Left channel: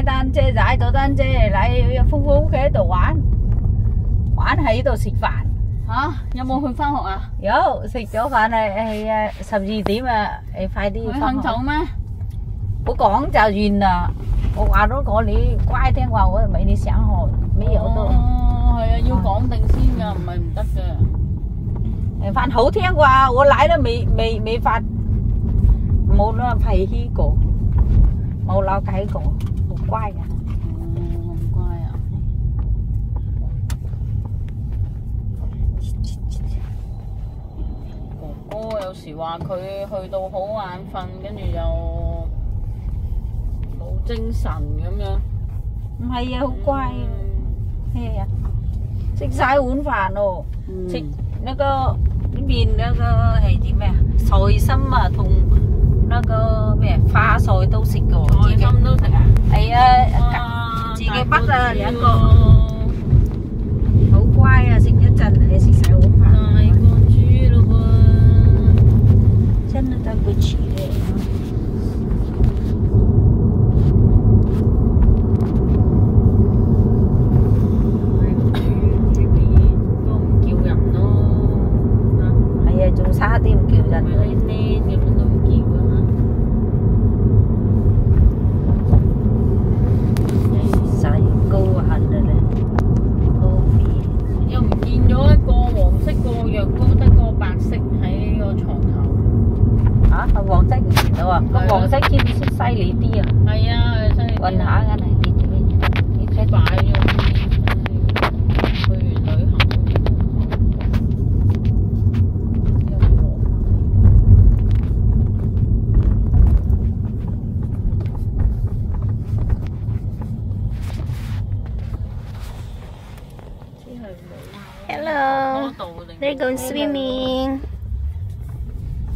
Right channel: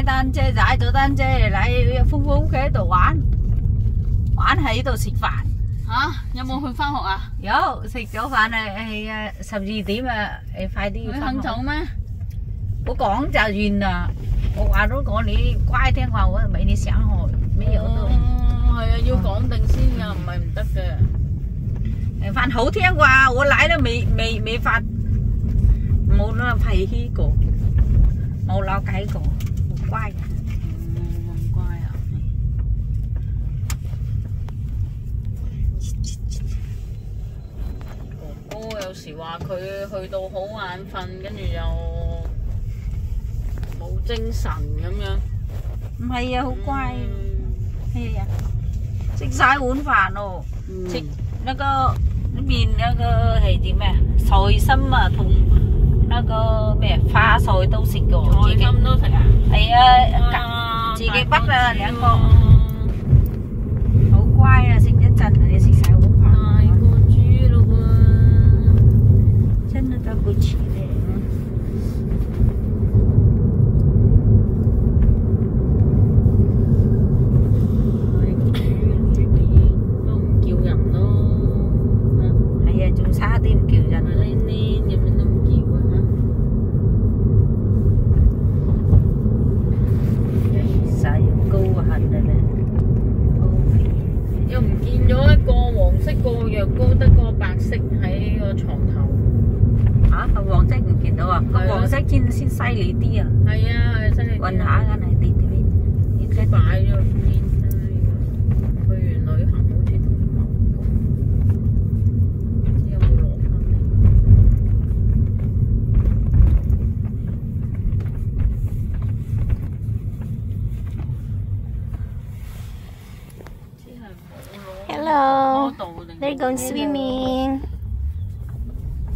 踩單車，踩咗單車嚟風風屋企喺度玩，玩喺度食飯。嚇，有冇去翻學啊？有食咗飯係12點啊，快啲你翻學。肯走咩？我講就完啦，我話如果你乖聽話，我俾你上學，咩有都。哦，係啊，要講定先㗎，唔係唔得嘅。飯好聽話，我奶都未發，冇啦脾氣過，冇鬧計過，好乖㗎。咁乖啊！哥哥有時話佢去到好眼瞓，跟住又冇精神咁樣。唔係啊，好乖啊，咩呀？食晒碗飯咯，食那個麵那個係啲咩啊？菜心啊，同那個咩花菜都食過，菜心都食啊？係啊，自己畢啊兩個，好乖啊！食一陣你食晒碗飯。大個豬咯喎！真的對不起咧。仲差啲唔叫人呢點樣都唔叫啊！實要高痕嘅咧，又唔見咗一個黃色個藥膏，得個白色喺個床頭。嚇，黃色唔見到啊！個黃色先犀利啲啊！係啊，係犀利。運下緊係跌咗咩？即係擺咗啲，去完旅行好似。Hello, they're going swimming.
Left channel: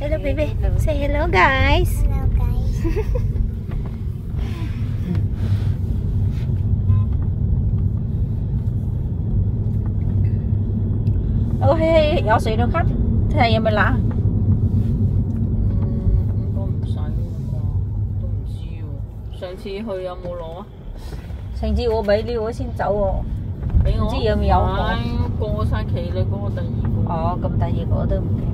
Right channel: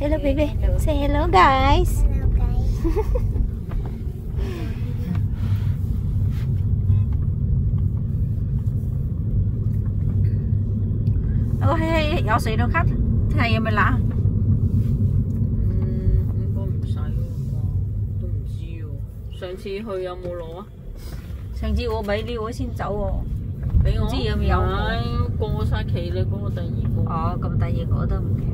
Hello, baby. Say hello, guys. Hello, guys. 有水都咳，睇下有冇冷。應該唔使喎啩，都唔知喎。上次去有冇攞啊？上次我俾你我先走喎，俾我唔知有冇有過晒期啦，嗰個第二個。哦，咁第二個我都唔記得。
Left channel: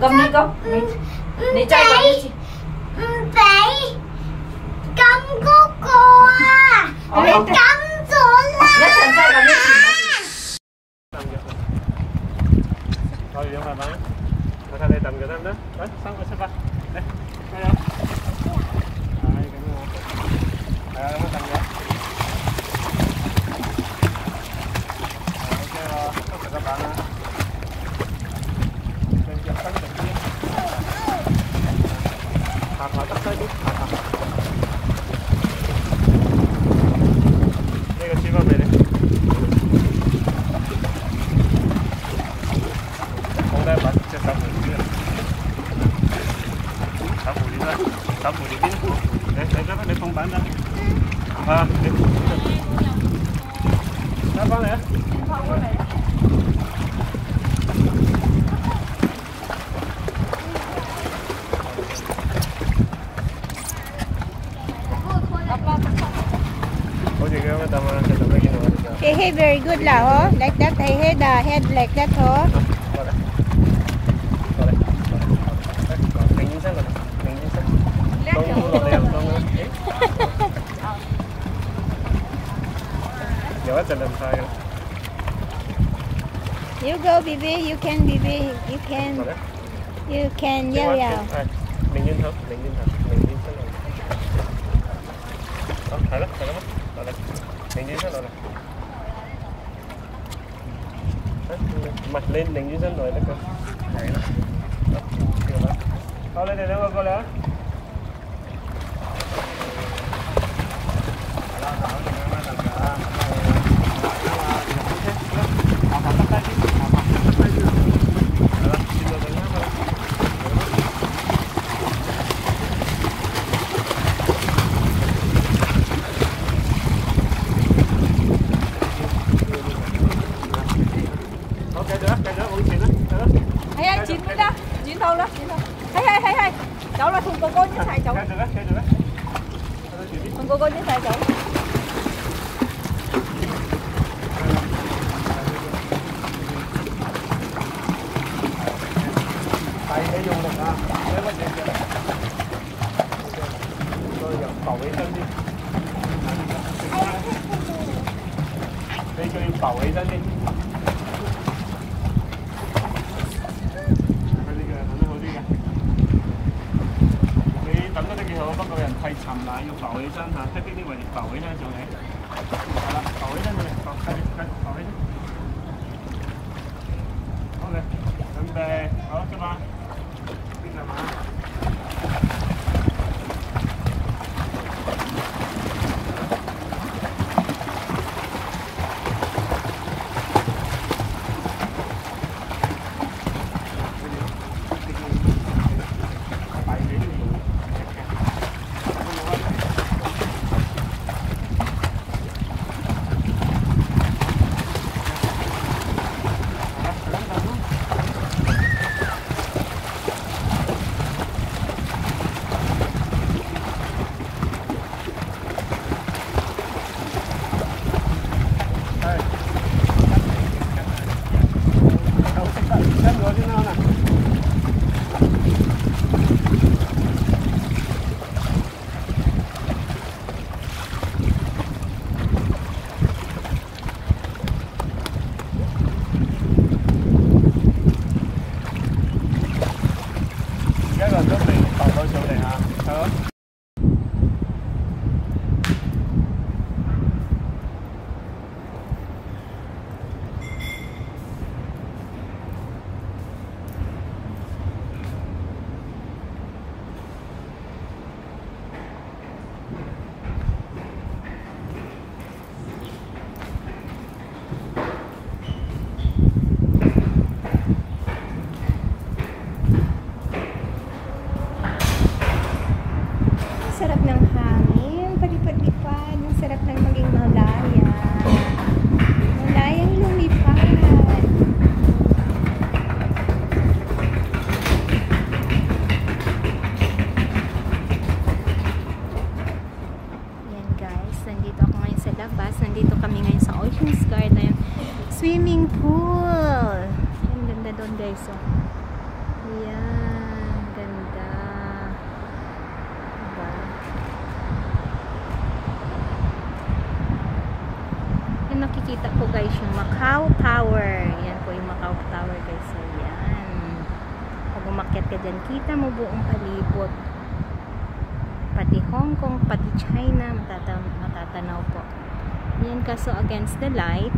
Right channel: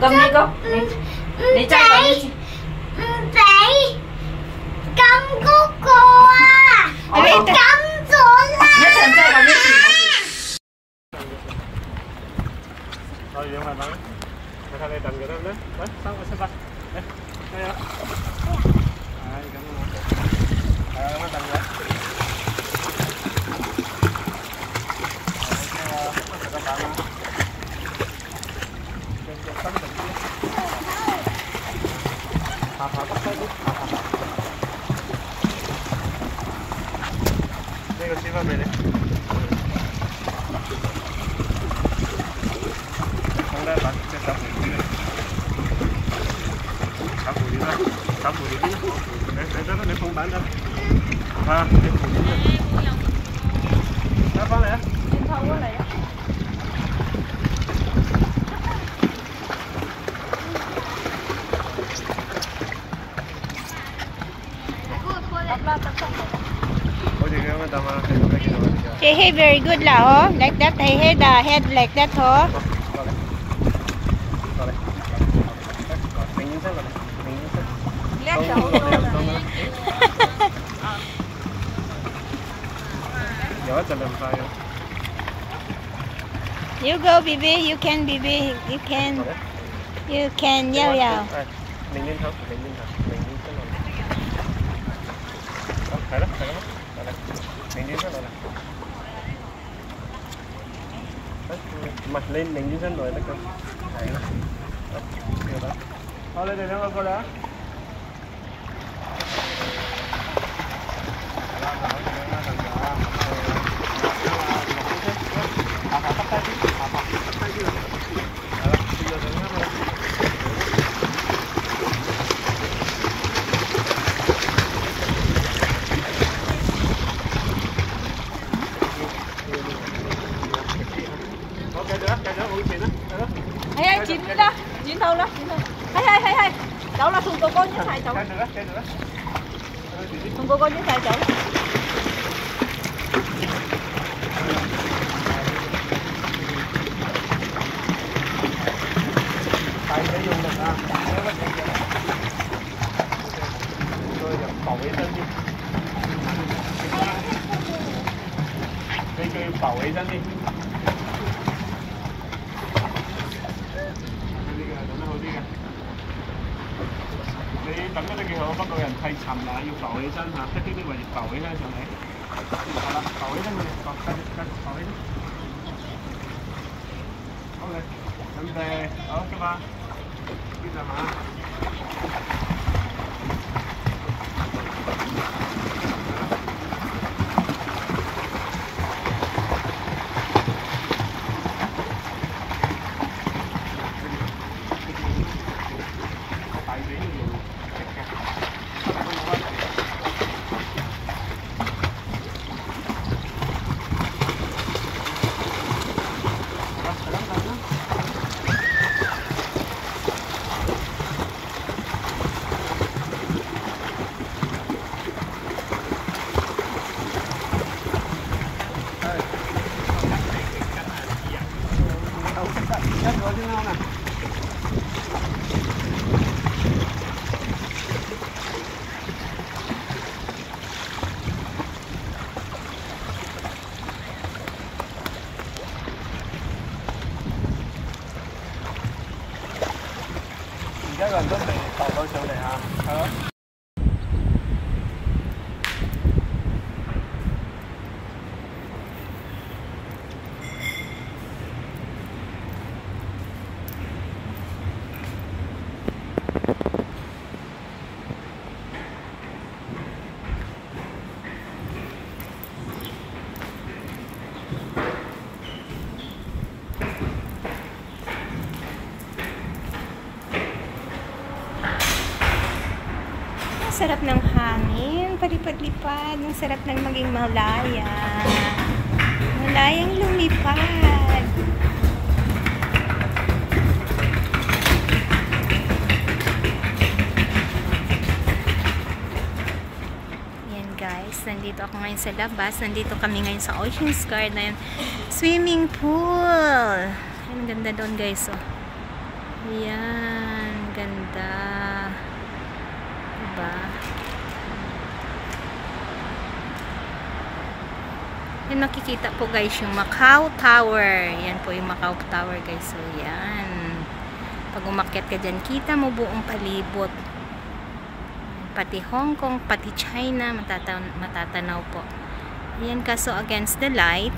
Cầm đi con. Đi chơi con đi. Vậy cầm của cô à. Mày cầm rồi là. Nhất thành chơi con đi. Thôi vậy mà bạn. Mày thay đây trần rồi đó. Đấy, sao ba. Đây. Đây không? Ai cảm ơn. Nó trần vậy. Ok, tất cả các bạn. Hãy subscribe cho kênh Ghiền Mì Gõ để không bỏ lỡ những video hấp dẫn. 爬得低啲，爬。呢個輸翻俾你。放低把隻手扶住嘅，手扶住啦，手扶住邊？你放板啫。啊，你扶住嘅。攞翻嚟啊！轉頭過嚟啊！Hey, hey, very good lah, oh. Like that, hey, hey, the head like that, oh. You go, baby. You can, baby. You can. You can, yao yao. Mình nhìn thôi, mình nhìn thôi, mình nhìn xuống rồi. Đó, thấy đó, rồi đây. Mình nhìn xuống rồi này. Mặt lên, mình nhìn xuống rồi đó con. Thấy đó. Đó, nhiều đó. Thôi lên đây nó coi đó. Hay chín đó, chín đâu đó, chín đâu. Hay. Cháu là thùng cô con như thế cháu. Thùng cô con như thế cháu. Tay để dùng được ha. Thế quá vậy kìa. Tôi giờ cầu vệ sinh đi. Đây kêu cầu vệ sinh đi.等嗰啲幾好，不過人太沉啦，要浮起身嚇，睇呢啲位浮起身上嚟。係啦，浮起身佢哋，浮起身。好嘅，準備，好，出發，邊上馬。一個人都未浮到上嚟嚇，係咯。Sarap ng hangin, palipad-lipad. Ang sarap ng maging malaya. Malayang lumipad. Yan guys, nandito ako ngayon sa labas. Nandito kami ngayon sa Ocean's Garden swimming pool. Ang ganda doon guys, oh. Yan, ganda. Yan, nakikita po guys yung Macau Tower. Yan po yung Macau Tower guys. So yan, pag umakyat ka dyan, kita mo buong palibot, pati Hong Kong, pati China, matatanaw po. Yan, kaso against the light,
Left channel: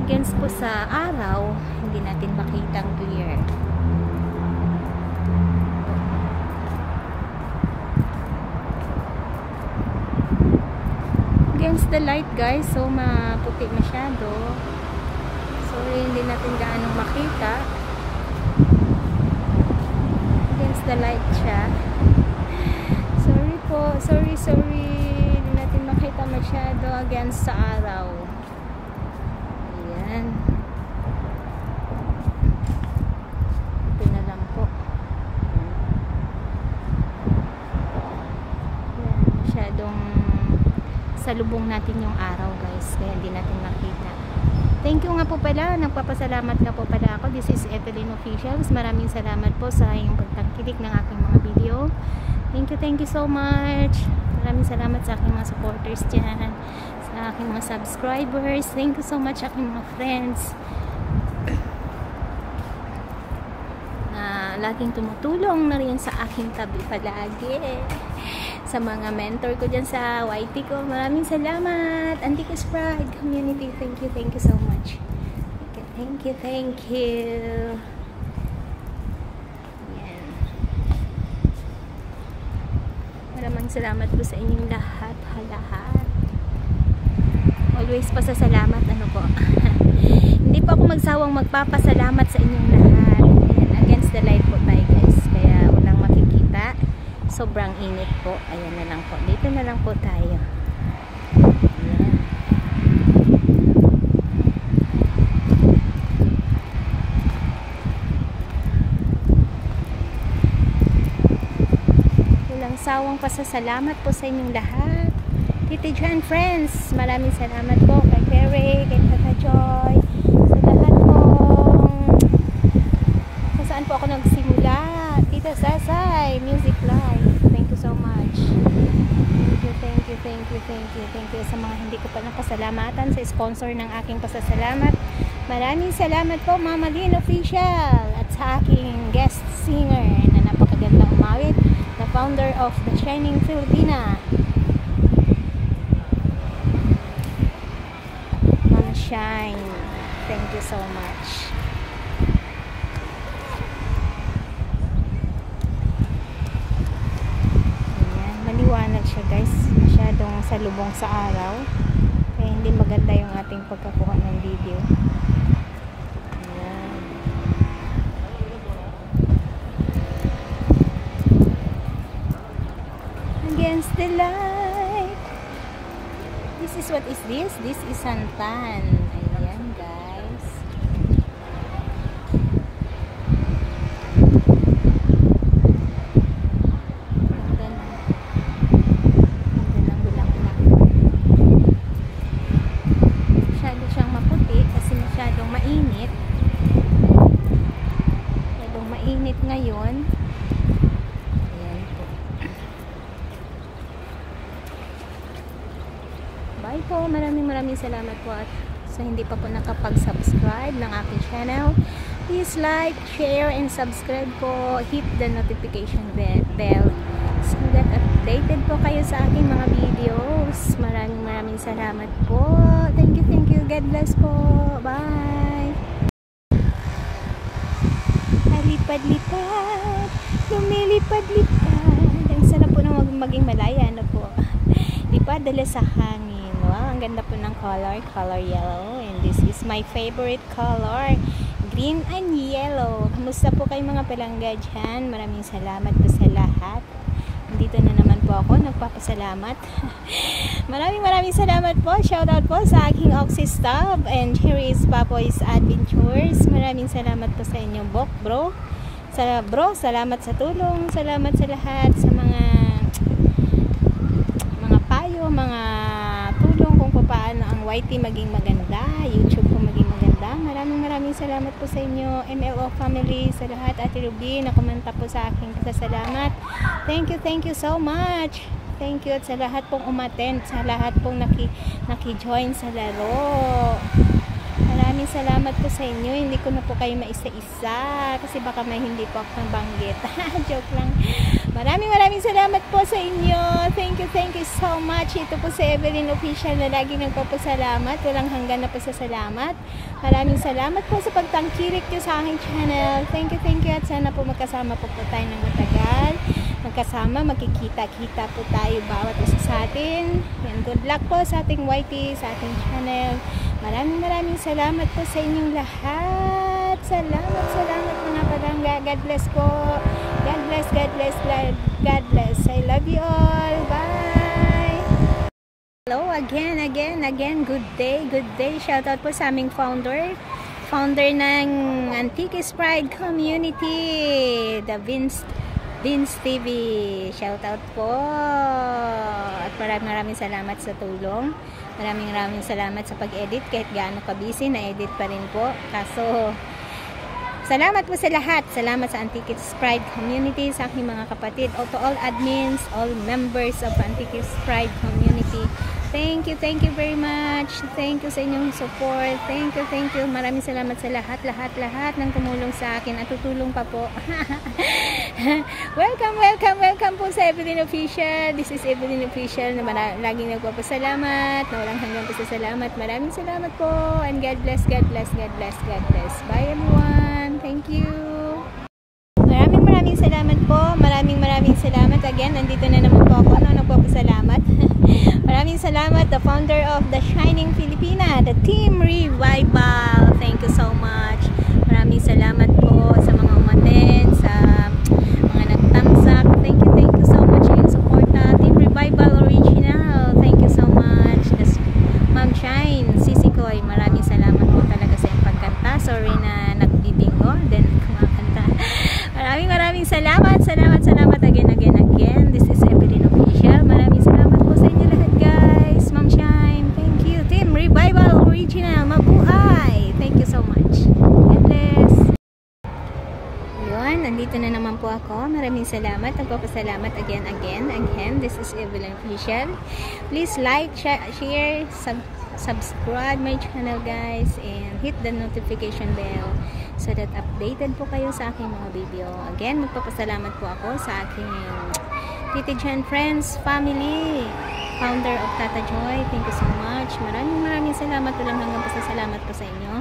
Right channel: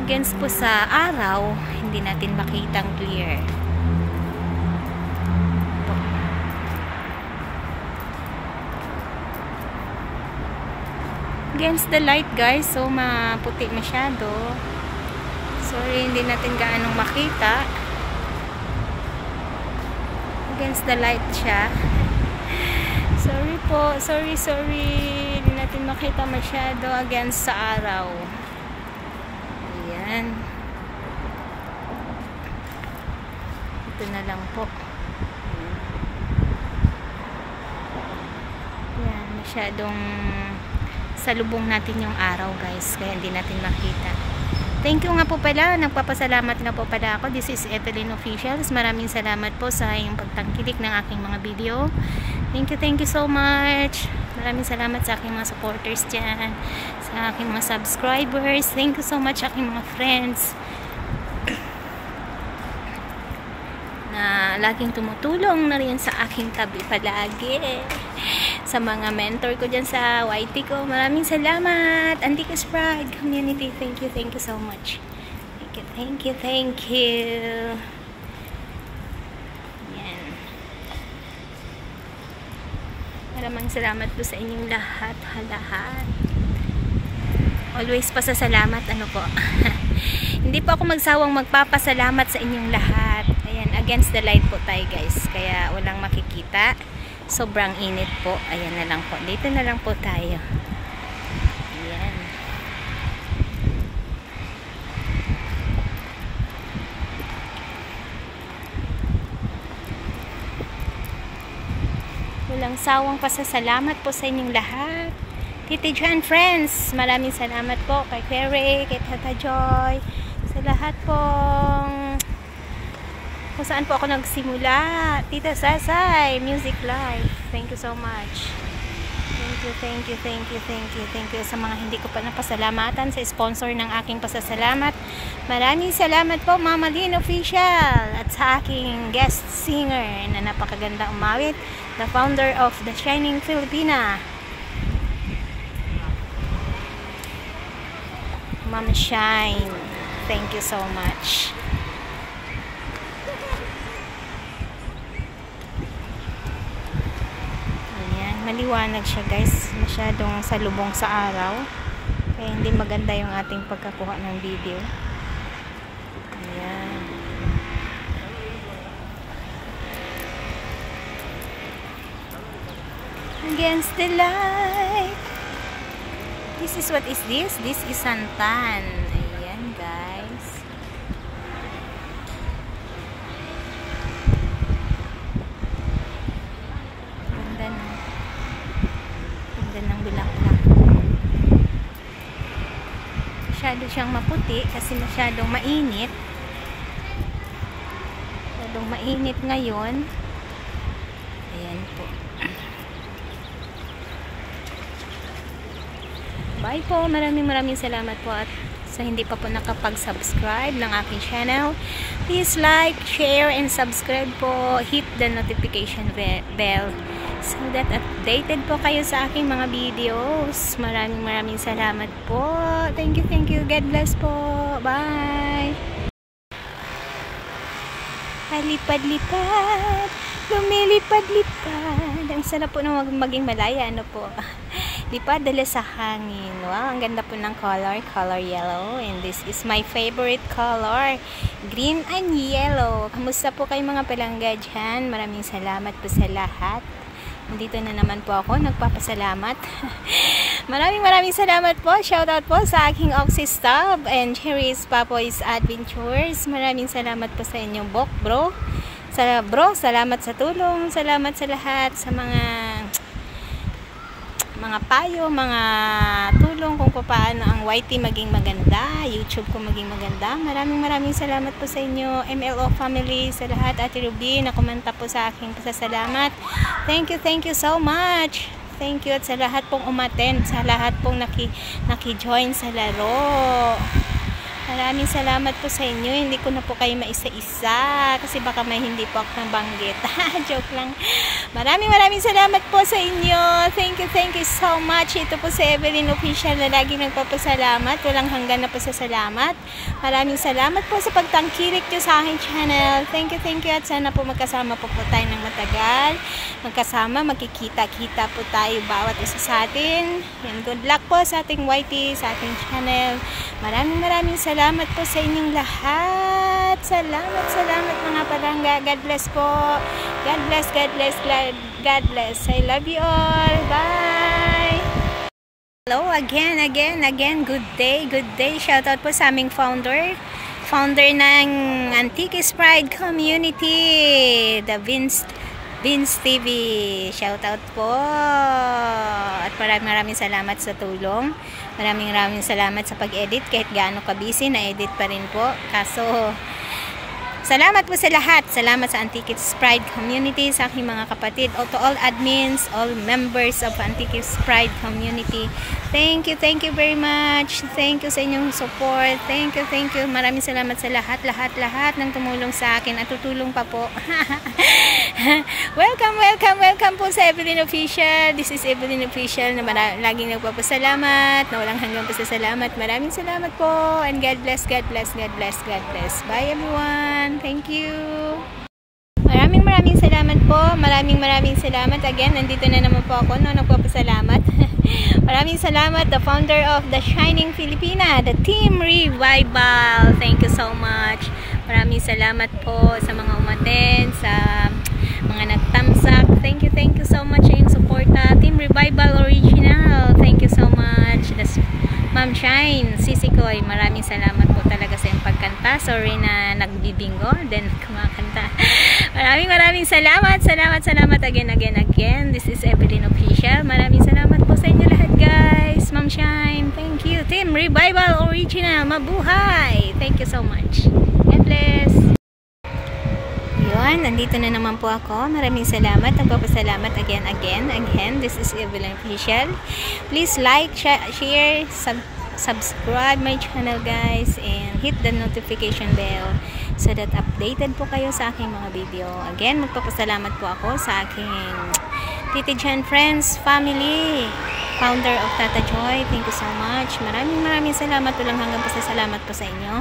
against po sa araw, hindi natin makitang clear. against the light guys, so maputi masyado. Sorry, hindi natin gaanong makita. Against the light siya. Sorry po, sorry. Hindi natin makita masyado against sa araw. Ayan. Ito na lang po. Ayan, masyadong salubong natin yung araw guys, kaya hindi natin makita. Thank you nga po pala, nagpapasalamat nga po pala ako. This is Evelyn Officials. Maraming salamat po sa iyong pagtangkilik ng aking mga video. Thank you so much. Maraming salamat sa aking mga supporters dyan, sa aking mga subscribers. Thank you so much aking mga friends na laging tumutulong na rin sa aking tabi palagi. Sa mga mentor ko dyan sa YT ko, maraming salamat. Antiques Pride Community, thank you so much. Thank you. Yan. Maraming salamat po sa inyong lahat. Always pasasalamat, ano po. Hindi po ako magsawang magpapasalamat sa inyong lahat. Ayan, against the light po tayo guys, kaya walang makikita. Sobrang init po. Ayan na lang po. Dito na lang po tayo. Ayan. Walang sawang pasasalamat po sa inyong lahat. Tito Jan friends, maraming salamat po kay Clary, kay Tata Joy, sa lahat pong kung saan po ako nagsimula. Tita Sasay, Music Live. Thank you so much. Thank you sa mga hindi ko pa napasalamatan, sa sponsor ng aking pasasalamat. Maraming salamat po Mama Lynn Official, at sa aking guest singer na napakaganda umawit, the founder of The Shining Filipina, Mama Shine. Thank you so much. Maliwanag siya guys, masyadong salubong sa araw, kaya hindi maganda yung ating pagkakuha ng video. Ayan. Against the light. This is what is this? This is santan. Ayan guys. Masyado siyang maputi kasi masyadong mainit. Masyadong mainit ngayon. Ayan po. Bye po. Maraming salamat po, at sa hindi pa po nakapag-subscribe ng aking channel, please like, share, and subscribe po. Hit the notification bell so that updated po kayo sa aking mga videos. Maraming salamat po. Thank you. God bless po. Bye. Lipad-lipad, lumilipad-lipad. Ang sarap po ng maging malaya, ano po. Lipad dala sa hangin. Wow, ang ganda po ng color yellow, and this is my favorite color, green and yellow. Kamusta po kayo mga palangga dyan? Maraming salamat po sa lahat. Dito na naman po ako nagpapasalamat. Maraming salamat po. Shoutout po sa aking Oxy Stub and Cherry's Papoy's Adventures. Maraming salamat po sa inyong bro. Salamat sa tulong. Salamat sa lahat, sa mga payo, mga tulong kung paano ang YT maging maganda, YouTube ko maging maganda. Maraming salamat po sa inyo, MLO family, sa lahat. Ate Ruby na kumanta po sa aking pasasalamat. Thank you so much. Thank you, at sa lahat pong umattend, sa lahat pong naki-join sa laro. Maraming salamat po sa inyo. Hindi ko na po kayo maisa-isa kasi baka may hindi po ako nabanggit. Joke lang. Maraming salamat po sa inyo. Thank you so much. Ito po si Evelyn Official na laging nagpapasalamat. Walang hanggan na po sa salamat. Maraming salamat po sa pagtangkilik nyo sa aking channel. Thank you at sana po magkasama po tayo ng matagal. Magkasama, magkikita-kita po tayo bawat isa sa atin. And good luck po sa ating YT, sa ating channel. Maraming salamat po sa inyong lahat. Salamat mga palangga. God bless po. God bless. I love you all. Bye. Hello again. Good day. Shoutout po sa aming founder ng Antiques Pride Community, the Vince TV. Shoutout po. At maraming salamat sa tulong. Maraming salamat sa pag-edit. Kahit gaano ka-busy, na-edit pa rin po. Kaso, salamat po sa lahat. Salamat sa Antiques Pride Community, sa aking mga kapatid, to all admins, all members of Antiques Pride Community. Thank you very much. Thank you sa inyong support. Thank you. Maraming salamat sa lahat ng tumulong sa akin at tutulong pa po. Welcome po sa Evelyn Official. This is Evelyn Official na laging nagpapasalamat, na walang hanggang pasasalamat. Maraming salamat po and God bless. Bye everyone. Thank you. Maraming salamat po. Maraming salamat. Again, nandito na naman po ako nagpapasalamat. Maraming salamat, the founder of the Shining Filipina, the Team Revival. Thank you so much. Maraming salamat po sa mga umaten, sa mga nagtamsak. Thank you so much sa inyong suporta. Team Revival Original. Thank you so much. Ma'am Shine, Sisi Koy, maraming salamat po talaga sa iyong pagkanta. Sorry na nagbibingo, then kumakanta. Maraming salamat. Salamat again. This is Evelyn Official. Maraming salamat po sa inyo lahat, guys. Ma'am Shine, thank you. Team Revival Original, mabuhay. Thank you so much. God bless. Yun, nandito na naman po ako. Maraming salamat. Nagpapasalamat again. This is Evelyn Official. Please like, share, subscribe my channel, guys, and hit the notification bell so that updated po kayo sa aking mga video. Again, magpapasalamat po ako sa aking Titi Jan Friends family, founder of Tata Joy. Thank you so much. Maraming salamat. Walang hanggang pasasalamat po sa inyo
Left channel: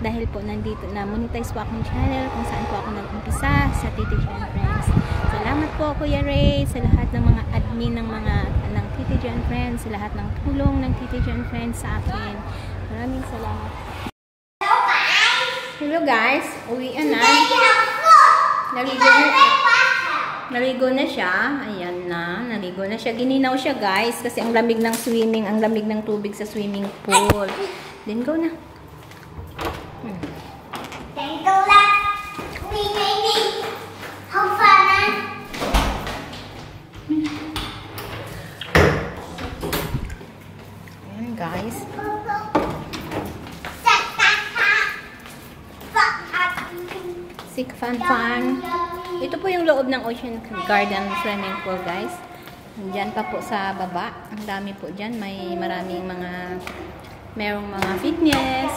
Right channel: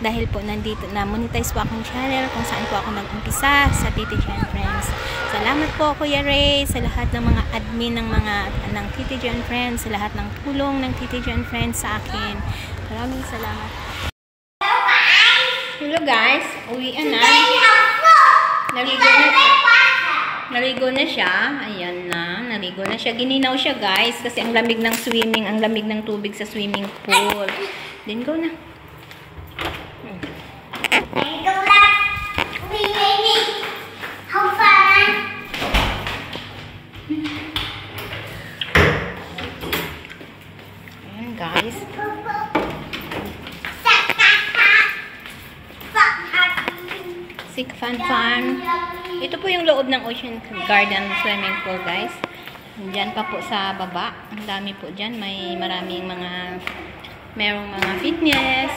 dahil po nandito na monetize po akong channel kung saan po ako nag-umpisa sa Titi Jan Friends. Salamat po Kuya Ray sa lahat ng mga admin ng Titi Jan Friends, sa lahat ng tulong ng Titi Jan Friends sa akin. Maraming salamat. Hello guys, uwian na. Naligo na siya. Ayan na, naligo na siya. Gininaw siya guys kasi ang lamig ng swimming, ang lamig ng tubig sa swimming pool. Then go na. Ayan guys. Sick fun. Ito po yung loob ng Ocean Garden swimming pool, guys. Diyan pa po sa baba. Ang dami po dyan. Merong mga fitness.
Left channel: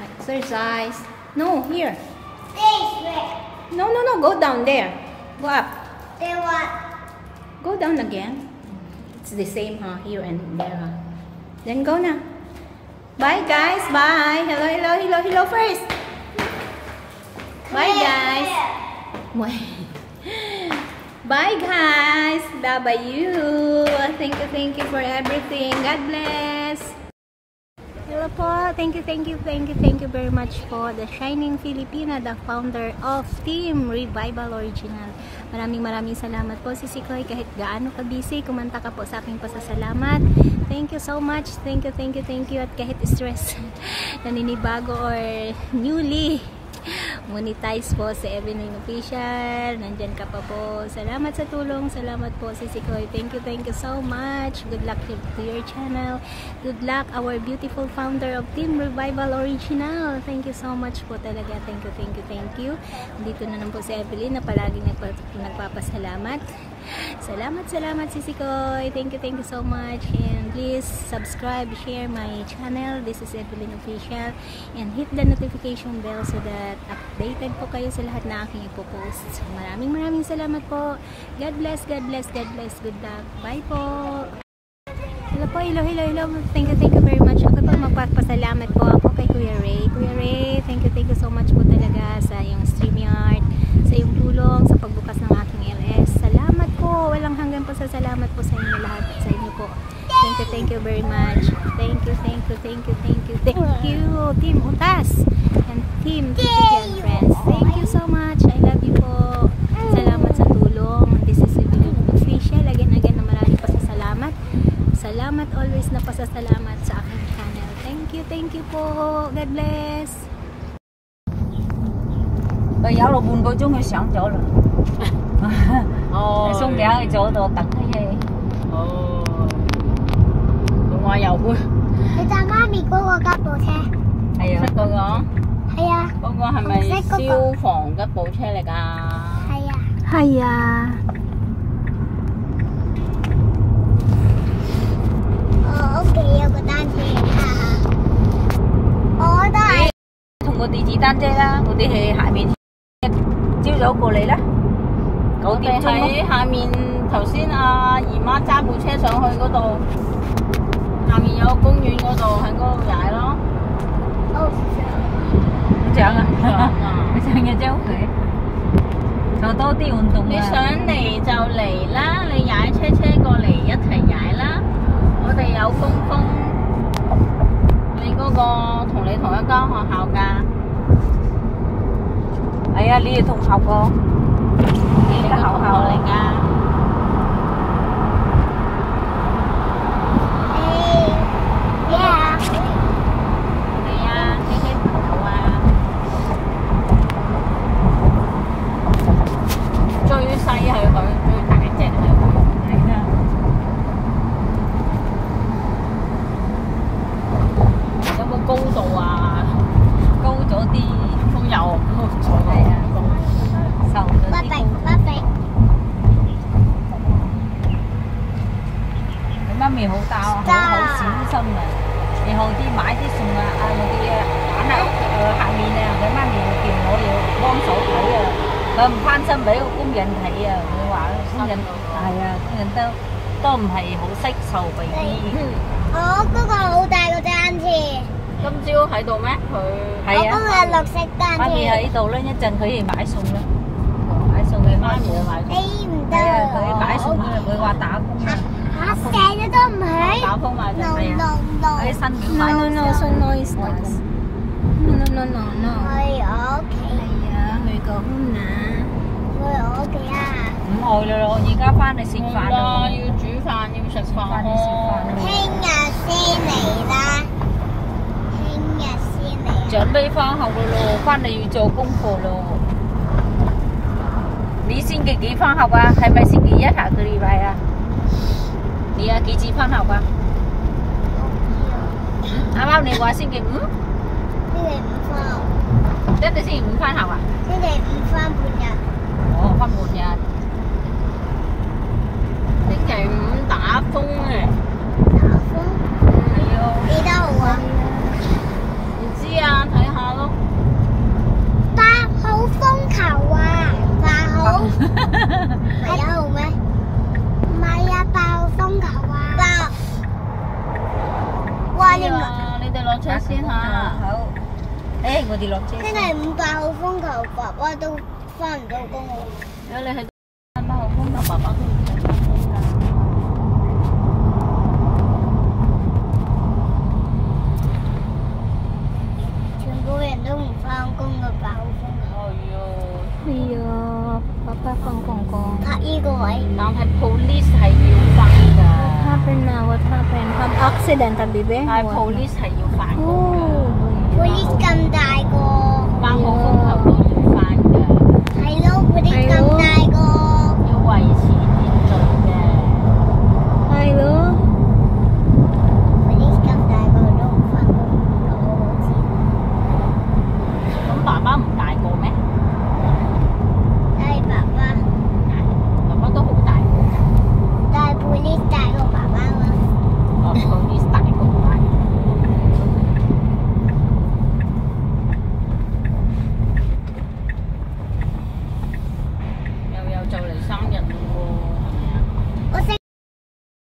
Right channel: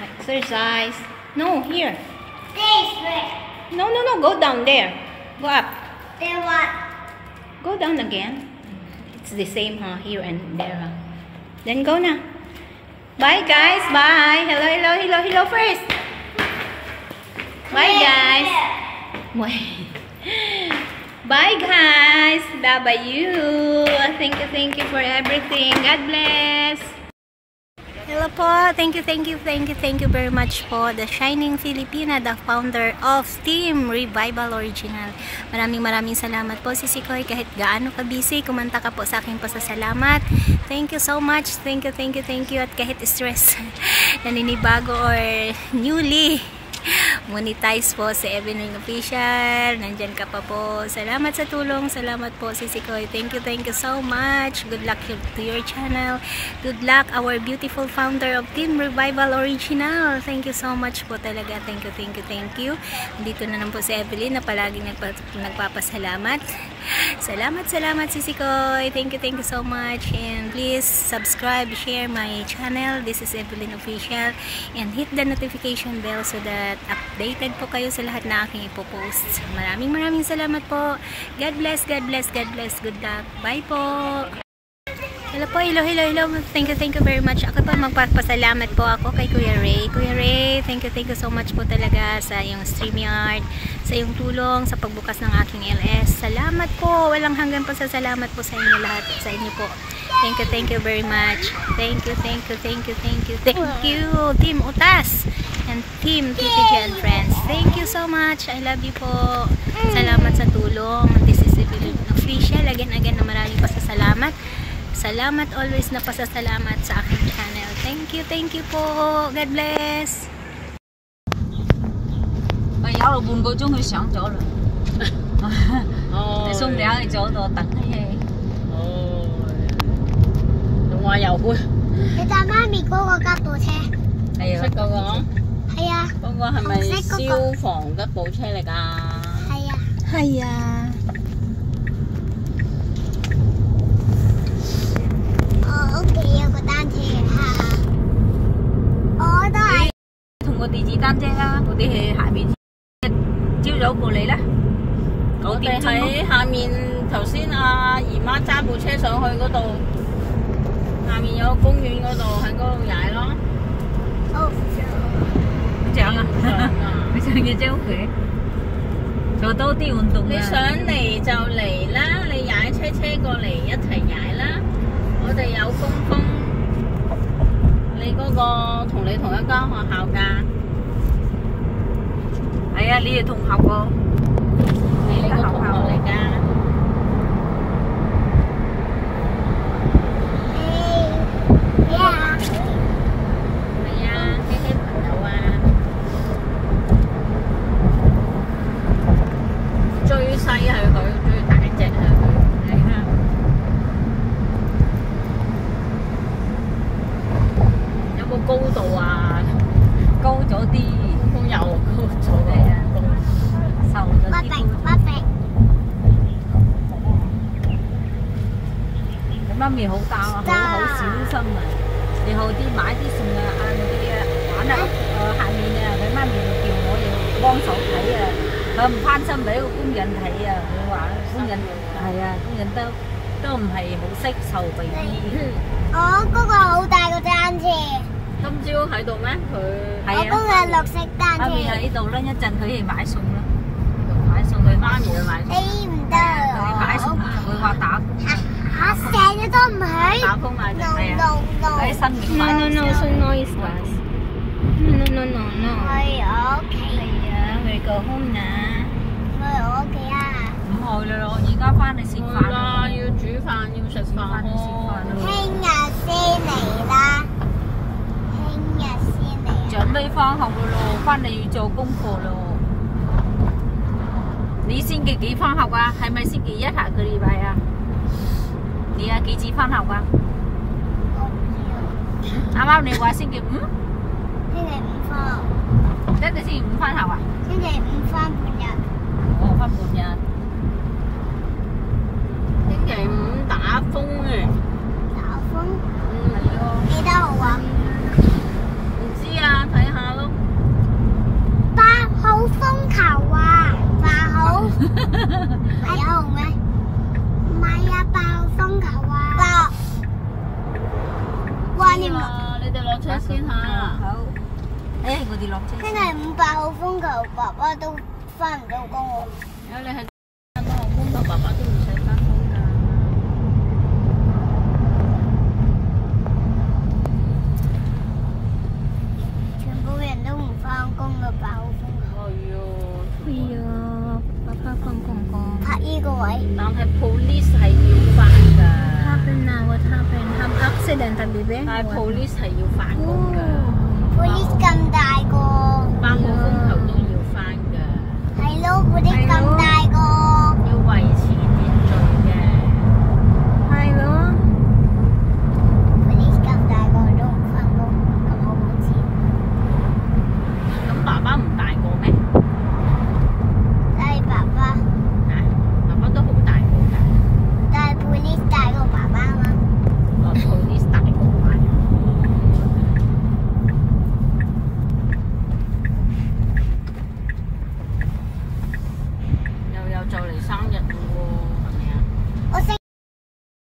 Exercise. No, here. No. Go down there. Go up. There what? Go down again. It's the same, huh? Here and there, huh? Then go na. Bye, guys. Bye. Hello first. Bye, guys. Bye, guys. Bye you. Thank you for everything. God bless. Hello po. Thank you very much po. The Shining Filipina, the founder of Team Revival Original. Maraming salamat po, Sisi Koy. Kahit gaano ka busy, kumanta ka po sa aking pasasalamat. Thank you so much. Thank you. At kahit stress, naninibago or newly monetize po si Evelyn Official. Nandyan ka pa po. Salamat sa tulong. Salamat po, Sisi Koy. Thank you so much. Good luck to your channel. Good luck, our beautiful founder of Team Revival Original. Thank you so much po talaga. Thank you. Dito na lang po si Evelyn na palaging nagpapasalamat. Salamat, Sisi Koy. Thank you so much. And please subscribe, share my channel. This is Evelyn Official. And hit the notification bell so that updated po kayo sa lahat na aking ipopost. Maraming salamat po. God bless. Good luck. Bye po. Hello po. Hello. Thank you very much. Ako po magpapasalamat po ako kay Kuya Ray. Kuya Ray, thank you so much po talaga sa iyong StreamYard, sa iyong tulong, sa pagbukas ng aking LS. Salamat po. Walang hanggan po sa salamat po sa inyo lahat. Sa inyo po. Thank you very much. Thank you. Team Utas and Team TPG and Friends. Thank you so much. I love you po. Salamat sa tulong. This is Evelyn Official. Again na maraming pasasalamat. Salamat always na pasasalamat sa aking channel. Thank you po. God bless. Bây giờ là 半個鐘佢上咗啦。你送兩去咗度等佢。仲話又會。你搭媽咪嗰個吉普車？係啊。識嗰個？係啊。嗰個係咪消防吉普車嚟㗎？係啊。係啊。我屋企有個單車我都係。同個電子單車啦，我哋喺下面朝早過嚟啦。我哋喺下面頭先阿姨媽揸部車上去嗰度，下面有個公園嗰度，喺嗰度踩咯。上啊！你上嘅周佢做多啲運動啊！你想嚟就嚟啦，你踩車過嚟一齊踩啦。我哋有公風，你嗰個同你同一間學校㗎。係啊，你哋同學個，你個同學嚟㗎。係啊，呢啲朋友啊。最細係佢，最大隻係佢。係啦。有冇高度啊？高咗啲，都有高咗。係啊，瘦咗啲。你媽咪好大啊，好小心啊！以後啲買啲餸啊，嗌我啲啊揀啊，下面啊，佢媽咪叫我要幫手睇啊，佢唔攀身俾個工人睇啊，佢話工人係啊，工人都唔係好識受 BB。我嗰個好大個單車。今朝喺度咩？佢係啊，我嗰個係綠色單車。媽咪喺度啦，一陣佢哋買餸啦，買餸佢媽咪去買餸。你唔得啊！佢買餸啊，佢話打工啊。成日都唔去。打風買定係啊，喺新店買。No, so noisy. No. 去我屋企。係啊，去go home na。去我屋企啊！唔去啦，我而家翻嚟食飯啦，要煮飯，要食飯咯。聽日先嚟啦。聽日先嚟。準備翻學咯，翻嚟要做功課咯。你星期幾翻學啊？係咪星期一下個禮拜啊？你啊幾時翻學啊？啱啱你話星期五？星期五翻學。一定星期五翻學啊？星期五翻半日。哦，翻半日。星期五打風啊！打風？係啊。幾多號啊？唔知啊，睇下咯。8號風球啊！8號？係1號咩？唔係啊，8號風球啊！哇！你哋落車先嚇。好。誒，我哋落車。星期五8號風球，爸爸都翻唔到工喎。如果你係8號風球，爸爸都唔使翻工㗎。全部人都唔翻工嘅8號風球。係啊，爸爸放工。拍呢個位。但係 police 係要翻㗎。What happened na? What happened? Have accident, Bibi? 但係 police 係要翻工㗎。